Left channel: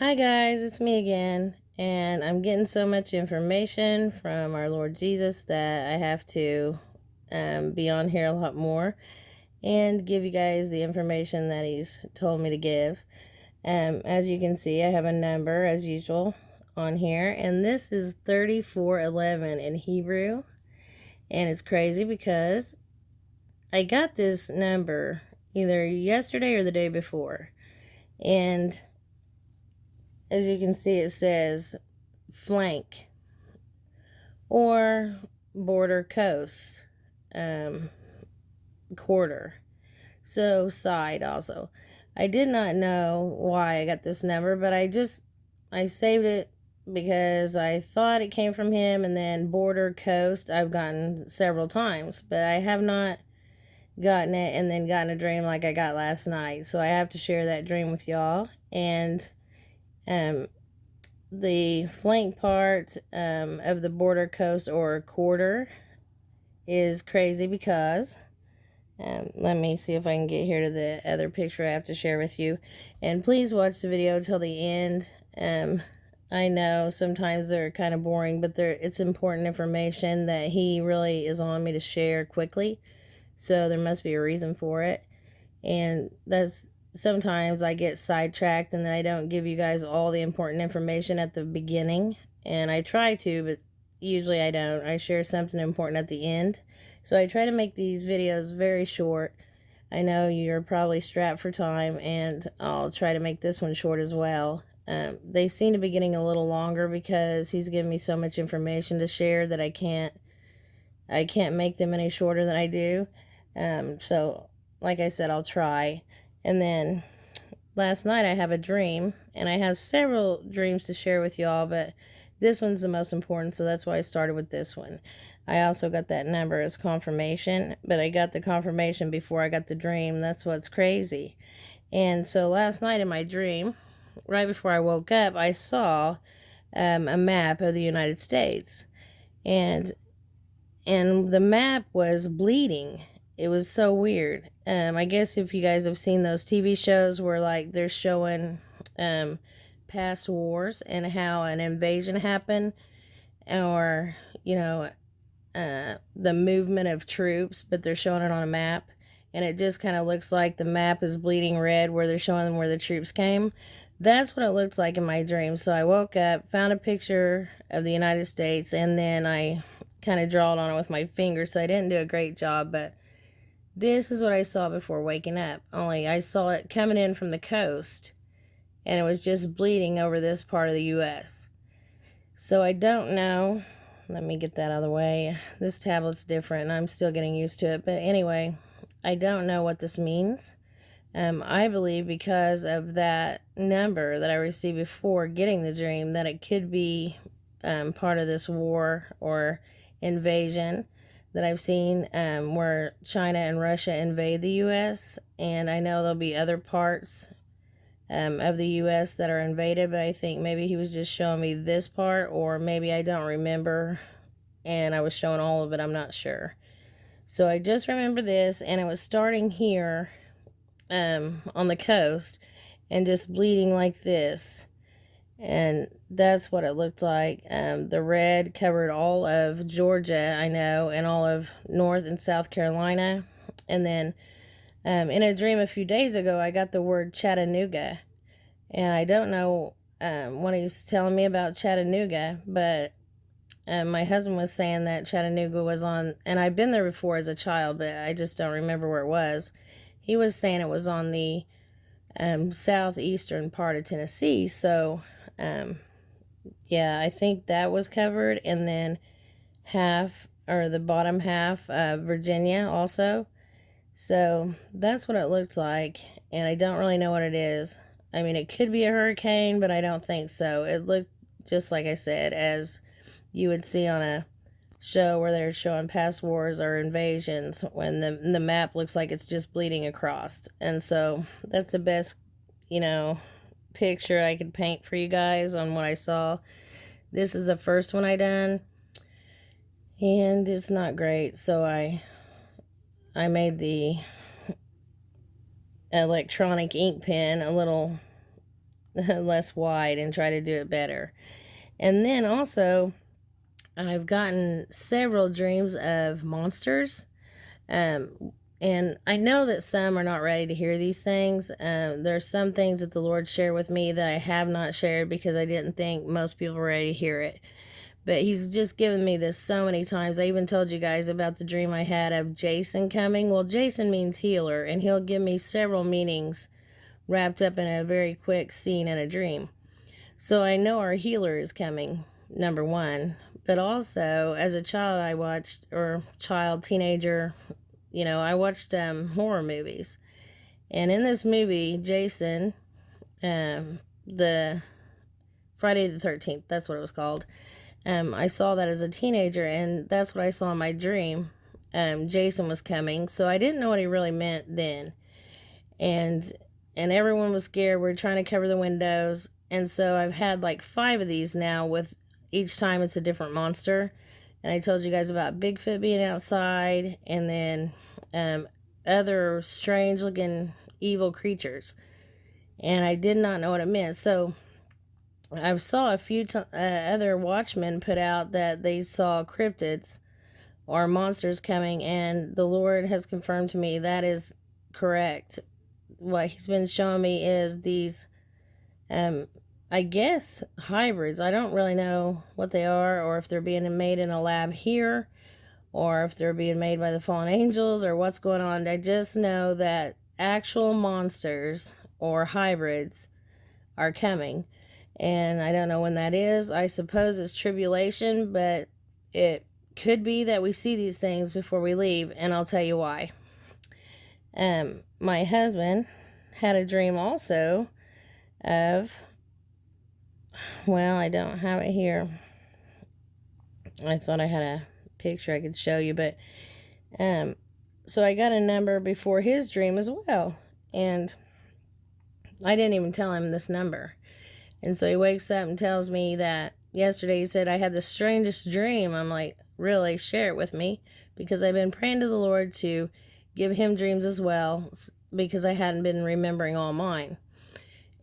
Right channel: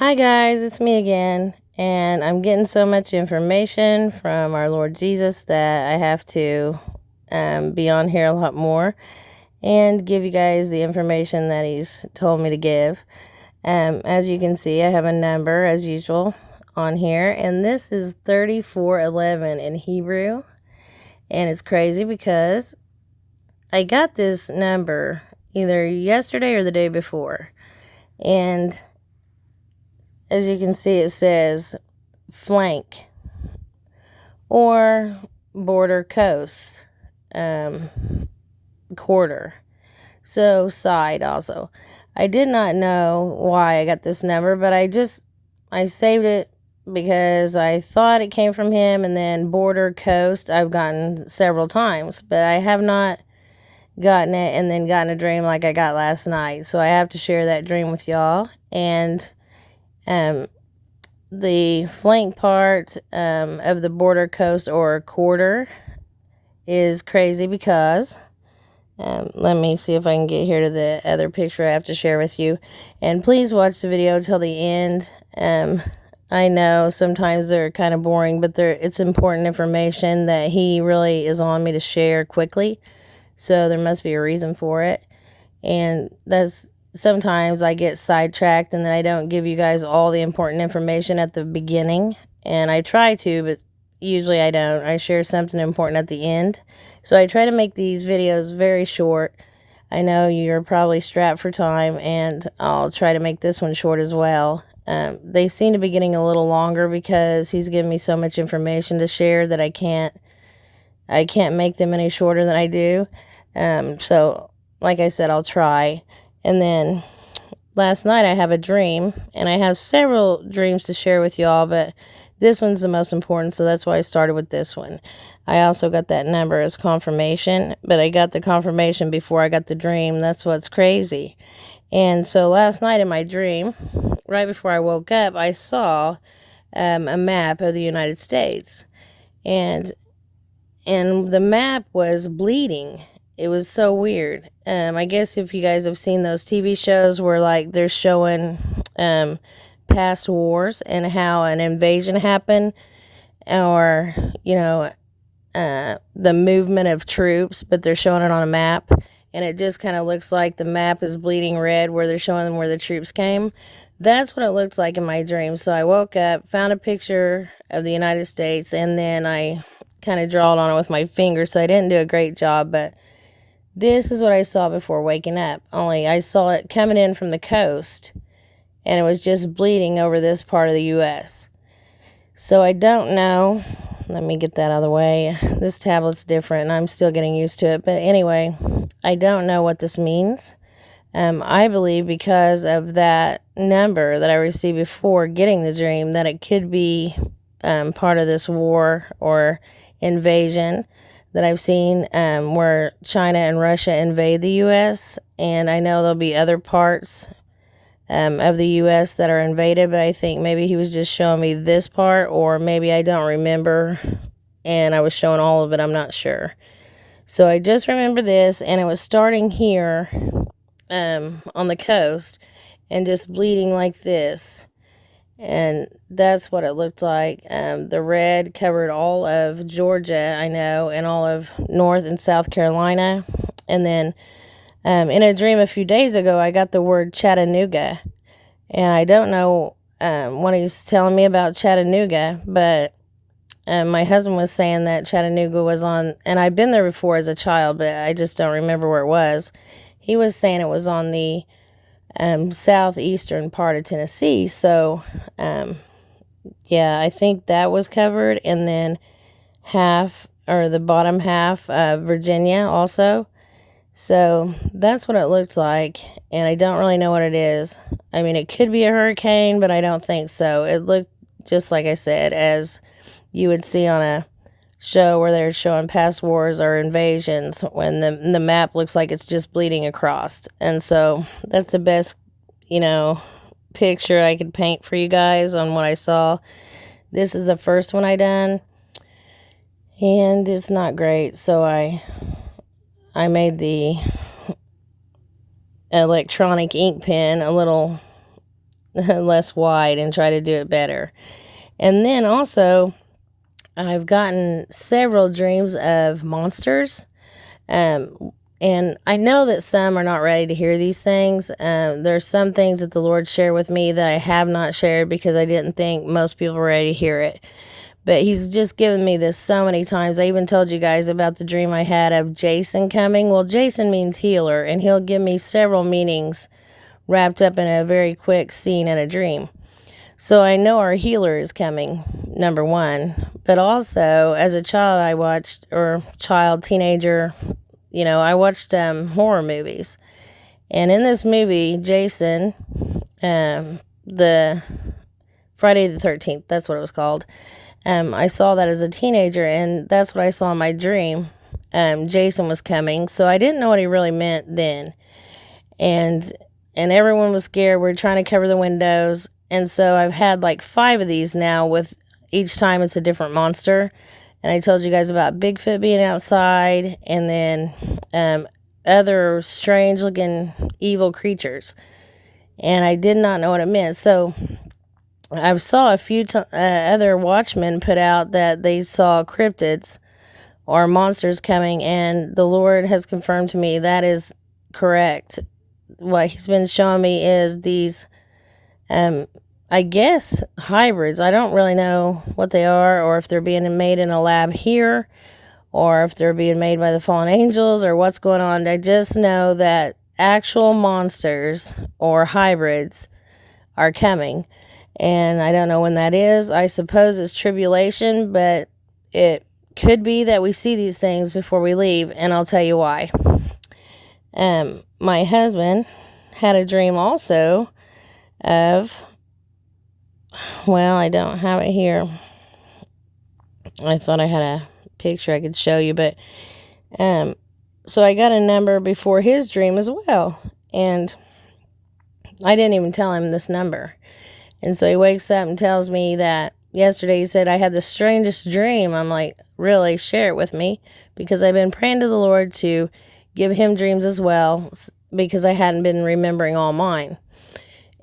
Hi guys, it's me again, and I'm getting so much information from our Lord Jesus that I have to be on here a lot more and give you guys the information that He's told me to give. As you can see, I have a number as usual on here, and this is 3411 in Hebrew, and it's crazy because I got this number either yesterday or the day before, and as you can see, it says flank or border coast, um, quarter. So side also. I did not know why I got this number, but I saved it because I thought it came from him. And then border coast I've gotten several times, but I have not gotten it and then gotten a dream like I got last night. So I have to share that dream with y'all. And the flank part of the border coast or quarter is crazy because let me see if I can get here to the other picture I have to share with you. And please watch the video till the end. I know sometimes they're kind of boring, but it's important information that he really is on me to share quickly. So there must be a reason for it. And that's sometimes I get sidetracked and then I don't give you guys all the important information at the beginning. And I try to, but usually I don't. I share something important at the end. So I try to make these videos very short. I know you're probably strapped for time, and I'll try to make this one short as well. They seem to be getting a little longer because he's given me so much information to share that I can't make them any shorter than I do. So like I said, I'll try. And then last night I have a dream, and I have several dreams to share with y'all, but this one's the most important, so that's why I started with this one. I also got that number as confirmation, but I got the confirmation before I got the dream. That's what's crazy. And so last night in my dream, right before I woke up, I saw a map of the United States, and the map was bleeding. It was so weird. I guess if you guys have seen those TV shows where like they're showing past wars and how an invasion happened, or the movement of troops, but they're showing it on a map, and it just kind of looks like the map is bleeding red where they're showing them where the troops came. That's what it looked like in my dream. So I woke up, found a picture of the United States, and then I kind of drawed on it with my finger, so I didn't do a great job, but this is what I saw before waking up. Only I saw it coming in from the coast, and it was just bleeding over this part of the U.S. So I don't know. Let me get that out of the way. This tablet's different, and I'm still getting used to it. But anyway, I don't know what this means. I believe because of that number that I received before getting the dream that it could be part of this war or invasion that I've seen, where China and Russia invade the U.S. And I know there'll be other parts of the U.S. that are invaded, but I think maybe he was just showing me this part, or maybe I don't remember and I was showing all of it. I'm not sure. So I just remember this, and it was starting here on the coast and just bleeding like this. And that's what it looked like. The red covered all of Georgia, I know, and all of North and South Carolina. And then in a dream a few days ago, I got the word Chattanooga. And I don't know what he's telling me about Chattanooga, but my husband was saying that Chattanooga was on, and I've been there before as a child, but I just don't remember where it was. He was saying it was on the southeastern part of Tennessee. So, yeah, I think that was covered. And then half, or the bottom half, Virginia also. So that's what it looked like. And I don't really know what it is. I mean, it could be a hurricane, but I don't think so. It looked just like I said, as you would see on a show where they're showing past wars or invasions, when the map looks like it's just bleeding across. And so that's the best, picture I could paint for you guys on what I saw. This is the first one I done, and it's not great. So I made the electronic ink pen a little less wide and try to do it better. And then also, I've gotten several dreams of monsters. And I know that some are not ready to hear these things. There's some things that the Lord shared with me that I have not shared because I didn't think most people were ready to hear it. But He's just given me this so many times. I even told you guys about the dream I had of Jason coming. Well, Jason means healer, and he'll give me several meanings wrapped up in a very quick scene in a dream. So I know our healer is coming, number one. But also, as a child, I watched, or child, teenager, I watched horror movies. And in this movie, Jason, the Friday the 13th, that's what it was called. I saw that as a teenager, and that's what I saw in my dream. Jason was coming, so I didn't know what he really meant then. And everyone was scared. We're trying to cover the windows. And so I've had like 5 of these now, with each time it's a different monster. And I told you guys about Bigfoot being outside, and then other strange looking evil creatures. And I did not know what it meant. So I saw a few other watchmen put out that they saw cryptids or monsters coming, and the Lord has confirmed to me that is correct. What He's been showing me is these, I guess, hybrids. I don't really know what they are, or if they're being made in a lab here, or if they're being made by the fallen angels, or what's going on. I just know that actual monsters or hybrids are coming. And I don't know when that is. I suppose it's tribulation, but it could be that we see these things before we leave, and I'll tell you why. My husband had a dream also of, well, I don't have it here. I thought I had a picture I could show you, but so I got a number before his dream as well, and I didn't even tell him this number. And so he wakes up and tells me that yesterday he said, I had the strangest dream. I'm like, really? Share it with me, because I've been praying to the Lord to give him dreams as well, because I hadn't been remembering all mine.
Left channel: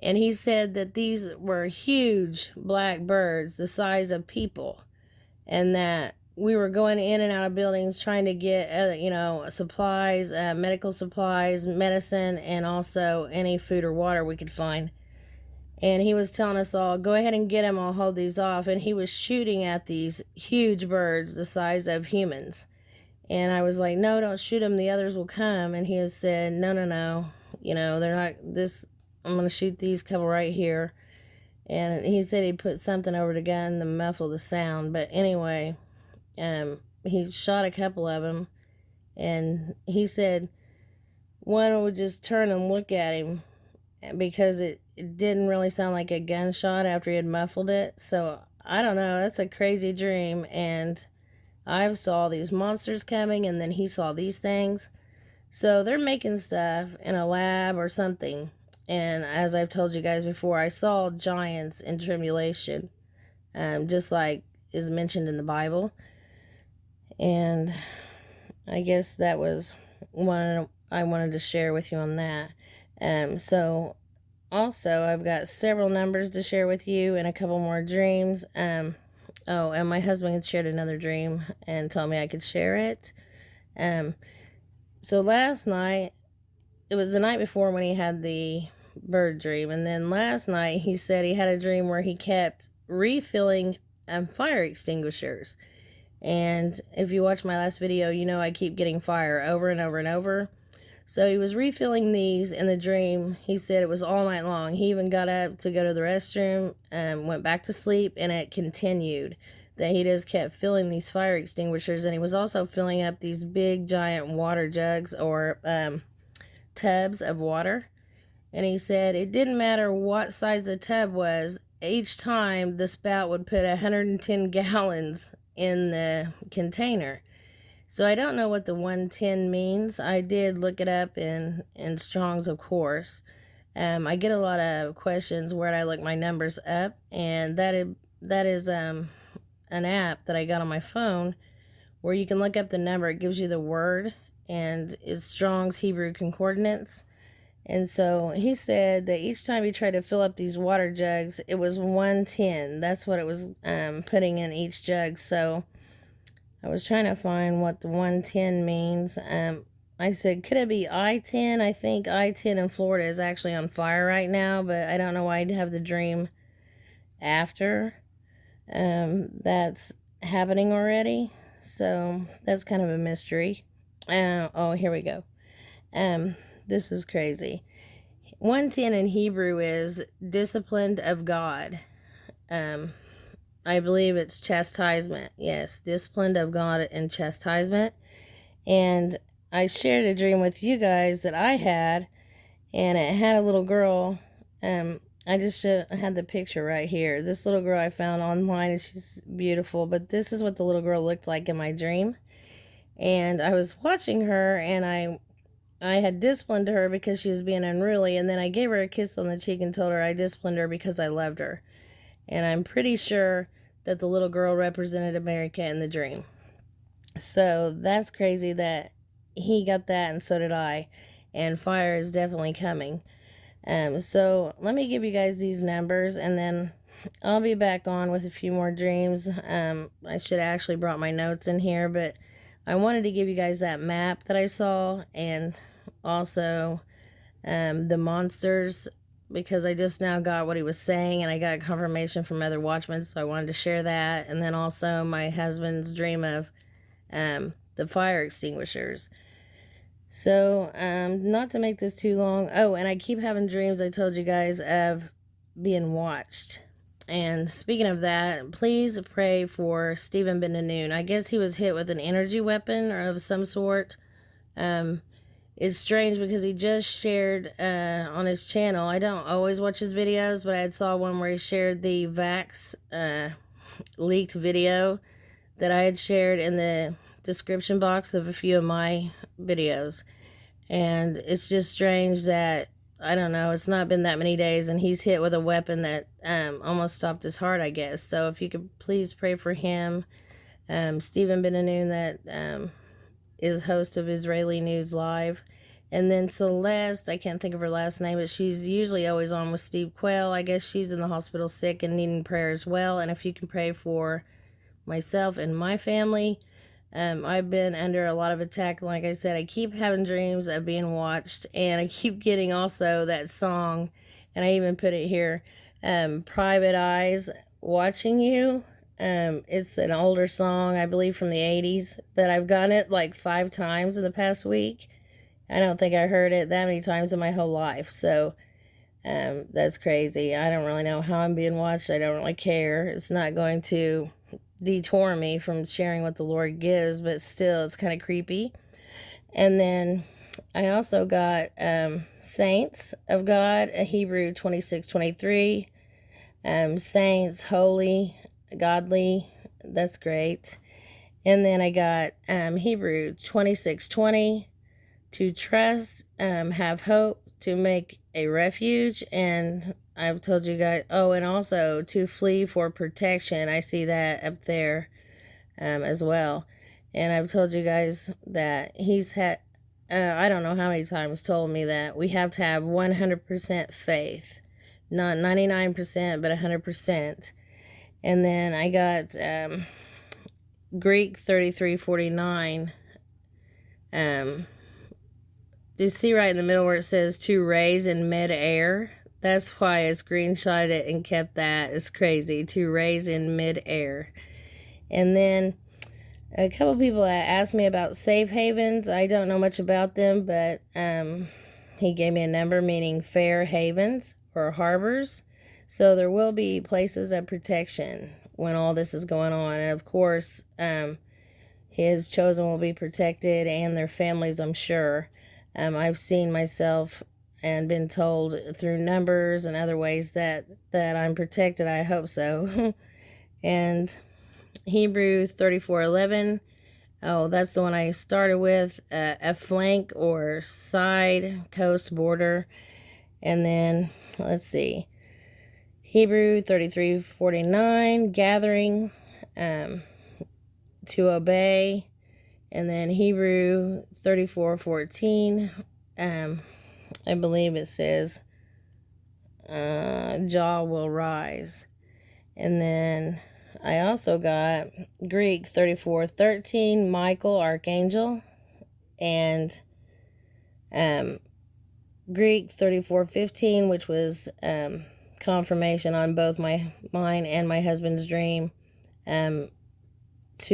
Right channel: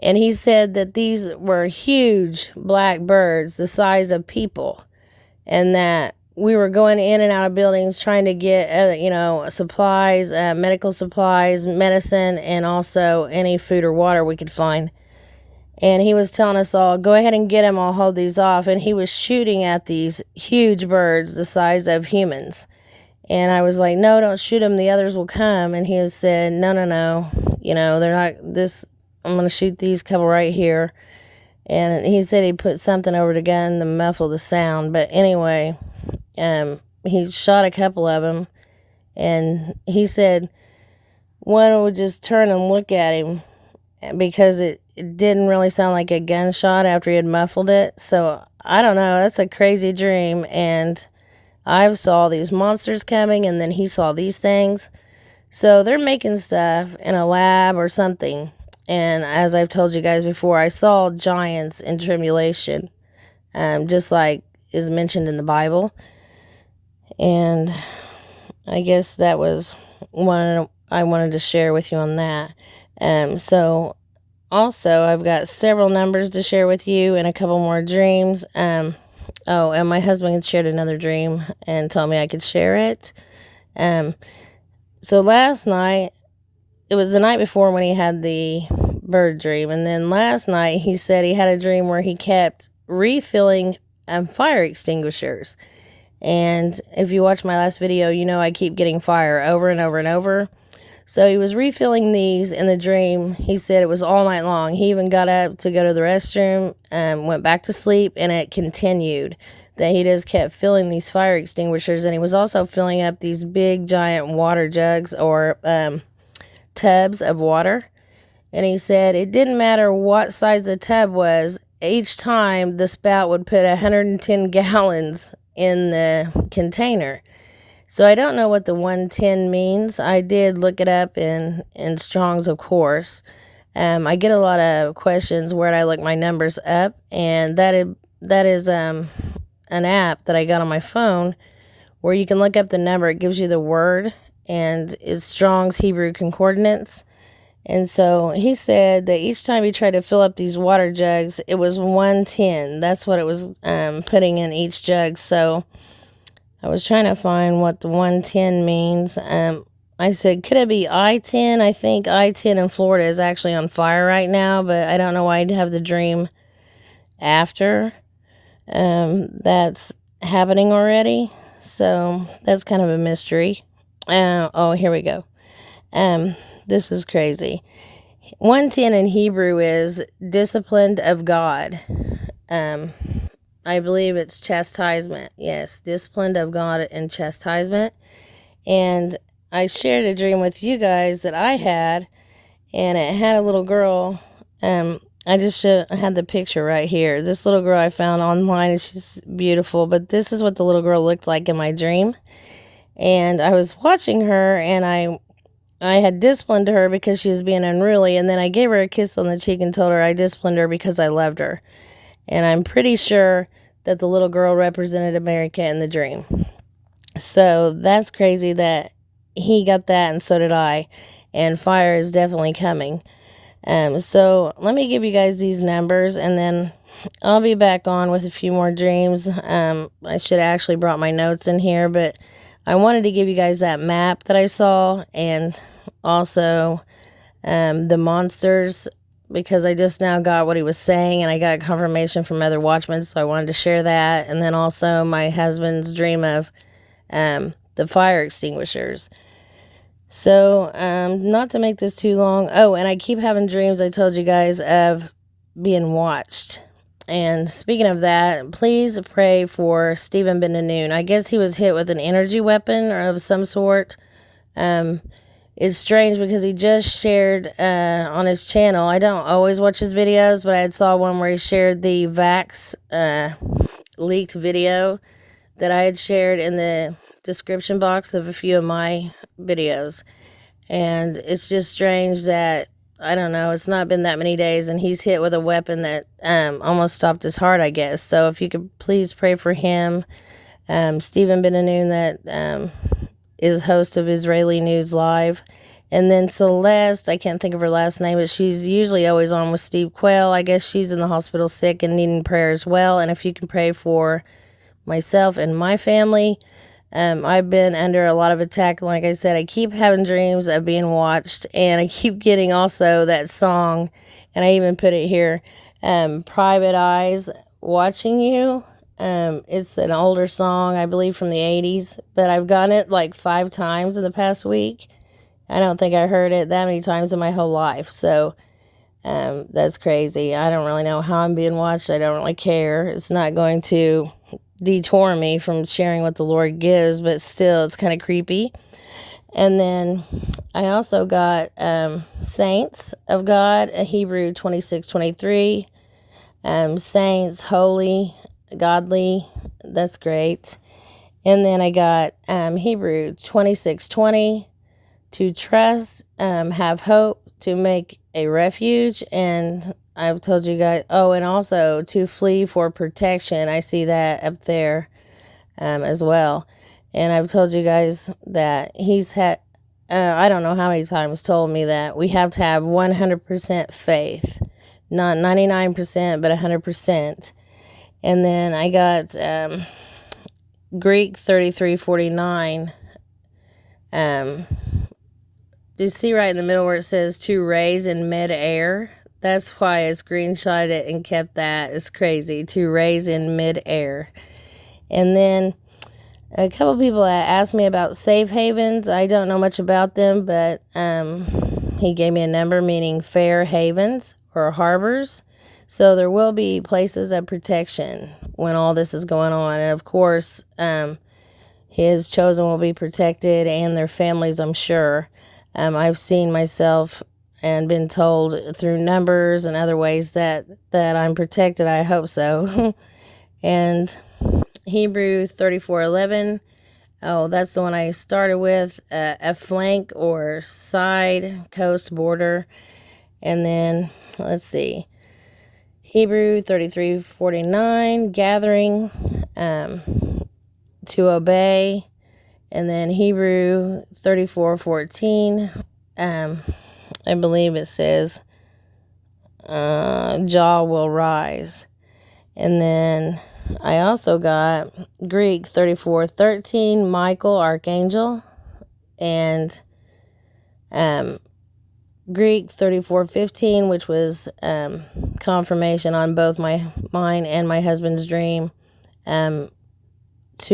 And he said that these were huge black birds the size of people, and that we were going in and out of buildings trying to get, supplies, medical supplies, medicine, and also any food or water we could find. And he was telling us all, go ahead and get him, I'll hold these off. And he was shooting at these huge birds the size of humans. And I was like, no, don't shoot them, the others will come. And he has said, no, they're not this. I'm going to shoot these couple right here. And he said he put something over the gun to muffle the sound. But anyway, he shot a couple of them. And he said one would just turn and look at him, because it didn't really sound like a gunshot after he had muffled it. So I don't know. That's a crazy dream. And I saw these monsters coming, and then he saw these things. So they're making stuff in a lab or something. And as I've told you guys before, I saw giants in tribulation, just like is mentioned in the Bible. And I guess that was one I wanted to share with you on that. So also, I've got several numbers to share with you and a couple more dreams. And my husband shared another dream and told me I could share it. So last night, it was the night before when he had the bird dream. And then last night, he said he had a dream where he kept refilling fire extinguishers. And if you watch my last video, I keep getting fire over and over and over. So he was refilling these in the dream. He said it was all night long. He even got up to go to the restroom, went back to sleep, and it continued. That he just kept filling these fire extinguishers, and he was also filling up these big giant water jugs or tubs of water. And he said it didn't matter what size the tub was. Each time the spout would put 110 gallons in the container. So I don't know what the 110 means. I did look it up in Strong's, of course. I get a lot of questions, where I look my numbers up, and that is an app that I got on my phone where you can look up the number. It gives you the word, and it's Strong's Hebrew Concordance. And so he said that each time he tried to fill up these water jugs, it was 110. That's what it was putting in each jug. So I was trying to find what the 110 means. I said, could it be I-10? I think I-10 in Florida is actually on fire right now, but I don't know why I'd have the dream after that's happening already. So that's kind of a mystery. Oh, here we go. This is crazy. 110 in Hebrew is disciplined of God. I believe it's chastisement. Yes, disciplined of God and chastisement. And I shared a dream with you guys that I had, and it had a little girl. I just had the picture right here. This little girl I found online, and she's beautiful, but this is what the little girl looked like in my dream. And I was watching her, and I had disciplined her because she was being unruly, and then I gave her a kiss on the cheek and told her I disciplined her because I loved her. And I'm pretty sure that the little girl represented America in the dream. So that's crazy that he got that, and so did I. And fire is definitely coming. So let me give you guys these numbers, and then I'll be back on with a few more dreams. I should have actually brought my notes in here, but I wanted to give you guys that map that I saw, and also the monsters, because I just now got what he was saying, and I got confirmation from other watchmen, so I wanted to share that. And then also my husband's dream of the fire extinguishers. So, not to make this too long. Oh, and I keep having dreams, I told you guys, of being watched. And speaking of that, please pray for Stephen Ben-Noon. I guess he was hit with an energy weapon or of some sort. It's strange because he just shared on his channel. I don't always watch his videos, but I saw one where he shared the Vax leaked video that I had shared in the description box of a few of my videos. And it's just strange that, I don't know, it's not been that many days and he's hit with a weapon that almost stopped his heart, I guess. So if you could please pray for him. Stephen Ben-Noon, that is host of Israeli News Live. And then Celeste, I can't think of her last name, but she's usually always on with Steve Quayle. I guess she's in the hospital sick and needing prayer as well. And if you can pray for myself and my family. I've been under a lot of attack. Like I said, I keep having dreams of being watched, and I keep getting also that song, and I even put it here, Private Eyes Watching You. It's an older song, I believe from the 80s, but I've gotten it like 5 times in the past week. I don't think I heard it that many times in my whole life, so that's crazy. I don't really know how I'm being watched. I don't really care. It's not going to detour me from sharing what the Lord gives, but still it's kind of creepy. And then I also got Saints of God, Hebrew 26:23. Saints, holy, godly. That's great. And then I got Hebrew 26:20, to trust, have hope, to make a refuge. And I've told you guys, oh, and also to flee for protection. I see that up there as well. And I've told you guys that he's had, I don't know how many times, told me that we have to have 100% faith. Not 99%, but 100%. And then I got Greek 33:49. Do you see right in the middle where it says to raise in mid-air? That's why I screenshotted it and kept that. It's crazy. To raise in mid-air. And then a couple people asked me about safe havens. I don't know much about them, but he gave me a number meaning fair havens or harbors. So there will be places of protection when all this is going on. And of course, his chosen will be protected and their families, I'm sure. I've seen myself and been told through numbers and other ways that I'm protected. I hope so. And Hebrew 34:11. Oh, that's the one I started with. A flank or side, coast, border. And then, let's see. Hebrew 33:49. Gathering, to obey. And then Hebrew 34:14. I believe it says jaw will rise. And then I also got Greek 34:13, Michael Archangel, and Greek 34:15, which was confirmation on both mine and my husband's dream, to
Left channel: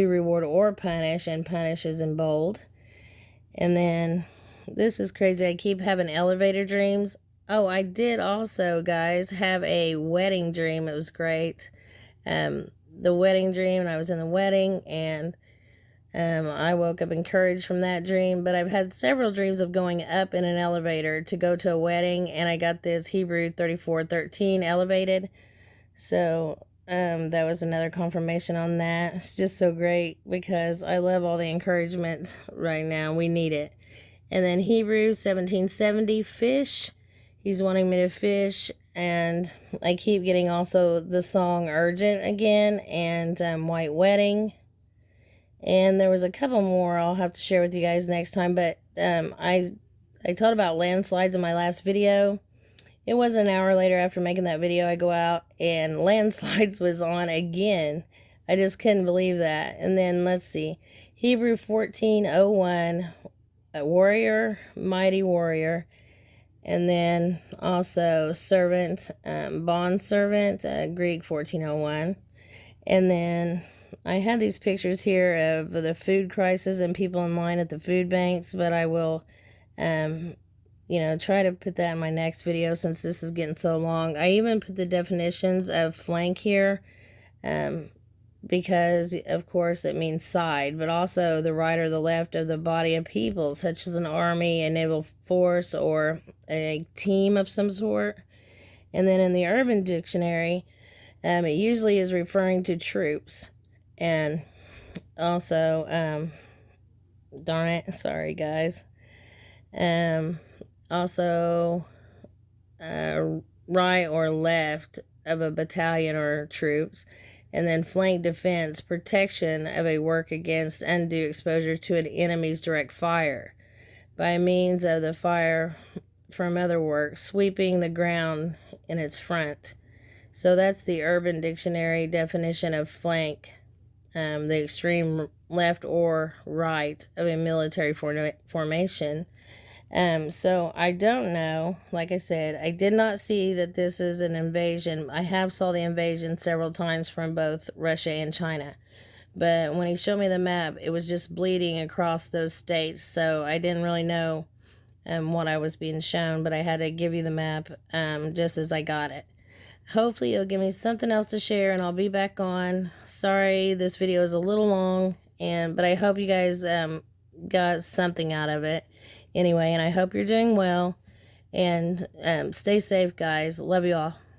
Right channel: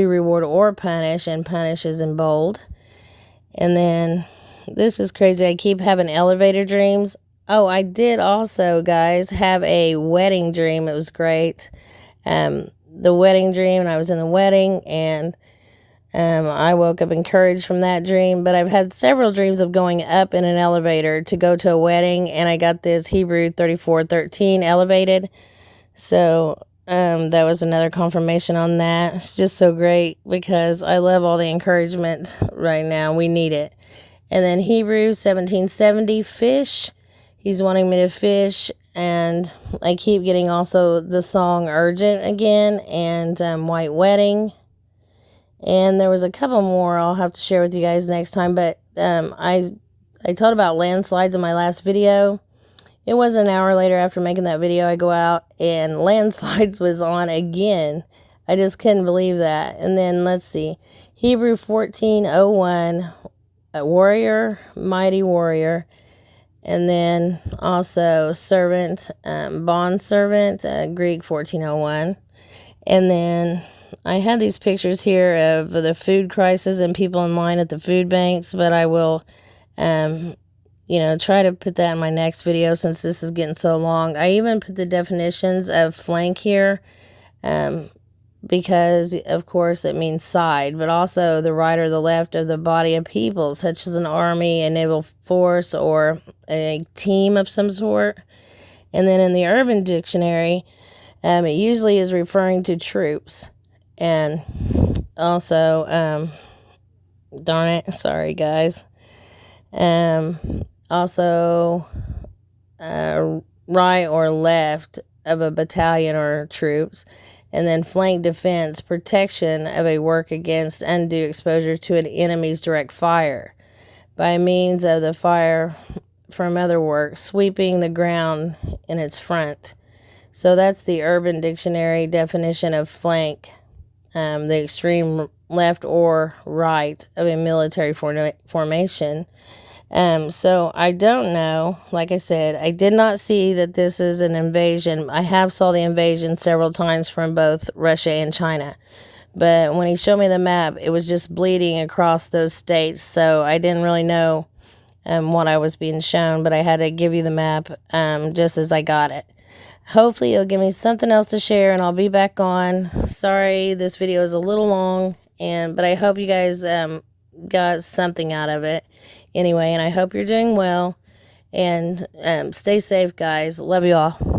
reward or punish, and punish is in bold. And then this is crazy. I keep having elevator dreams. Oh, I did also, guys, have a wedding dream. It was great. The wedding dream, and I was in the wedding, and I woke up encouraged from that dream. But I've had several dreams of going up in an elevator to go to a wedding, and I got this Hebrew 34:13 elevated. So that was another confirmation on that. It's just so great because I love all the encouragement right now. We need it. And then Hebrew 17:70, fish. He's wanting me to fish. And I keep getting also the song Urgent again, and White Wedding. And there was a couple more I'll have to share with you guys next time. But I told about landslides in my last video. It was an hour later after making that video, I go out and landslides was on again. I just couldn't believe that. And then let's see, Hebrew 14:01, warrior, mighty warrior. And then also servant, bond servant, Greek 14:01. And then I had these pictures here of the food crisis and people in line at the food banks, but I will try to put that in my next video since this is getting so long. I even put the definitions of flank here because, of course, it means side, but also the right or the left of the body of people, such as an army, a naval force, or a team of some sort. And then in the Urban Dictionary, it usually is referring to troops. And also, darn it, sorry guys. Also, right or left of a battalion or troops. And then flank defense, protection of a work against undue exposure to an enemy's direct fire by means of the fire from other work, sweeping the ground in its front. So that's the Urban Dictionary definition of flank, the extreme left or right of a military formation. So I don't know. Like I said, I did not see that this is an invasion. I have saw the invasion several times from both Russia and China. But when he showed me the map, it was just bleeding across those states. So I didn't really know what I was being shown. But I had to give you the map just as I got it. Hopefully it'll give me something else to share and I'll be back on. Sorry, this video is a little long, but I hope you guys got something out of it. Anyway, and I hope you're doing well, and stay safe, guys. Love you all.